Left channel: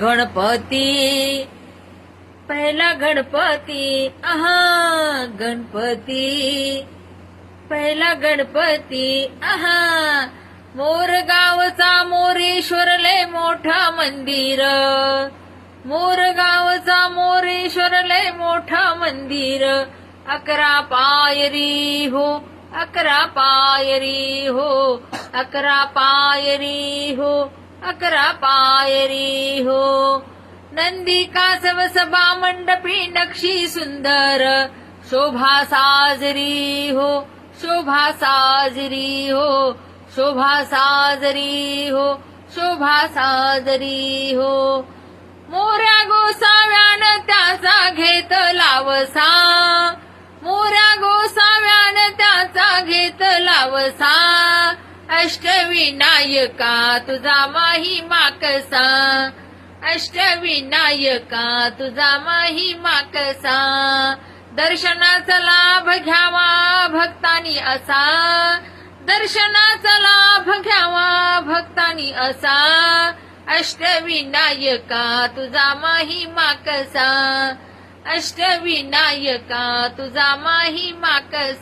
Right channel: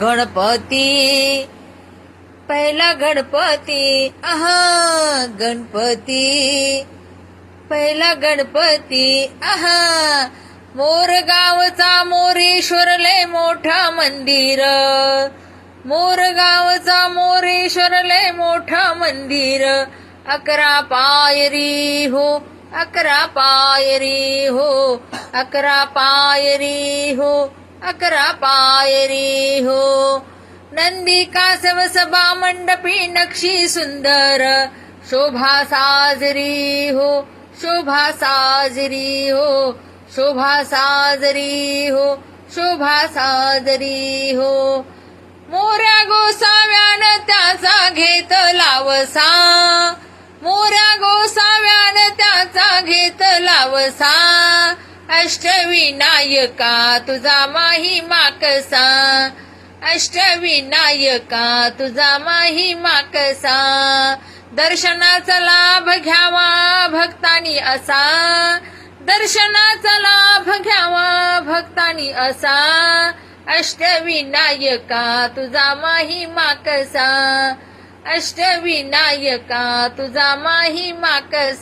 गणपती पहिला गणपती आहा गणपती पहिला गणपती आहा मोरगावचा मोरेश्वर लय मोठा मंदिर मोरगावचा मोरेश्वर लय मोठा मंदिर 11 पायरी हो 11 पायरी हो 11 पायरी हो 11 पायरी हो नंदी कासव सभा मंडपी नक्षी सुंदर शोभा साजरी हो शोभा साजरी हो शोभा साजरी हो शोभा साजरी हो मोऱ्या गोसाव्यान त्याचा घेतला वसा मोऱ्या गोसाव्यान त्याचा घेतला वसा अष्टविनायका तुझा महिमा कसा अष्टविनायका तुझा महिमा कसा दर्शनाचा लाभ घ्यावा भक्तांनी असा दर्शनाचा लाभ घ्यावा भक्तांनी असा अष्टविनायका तुझा महिमा कसा अष्टविनायका तुझा महिमा कसा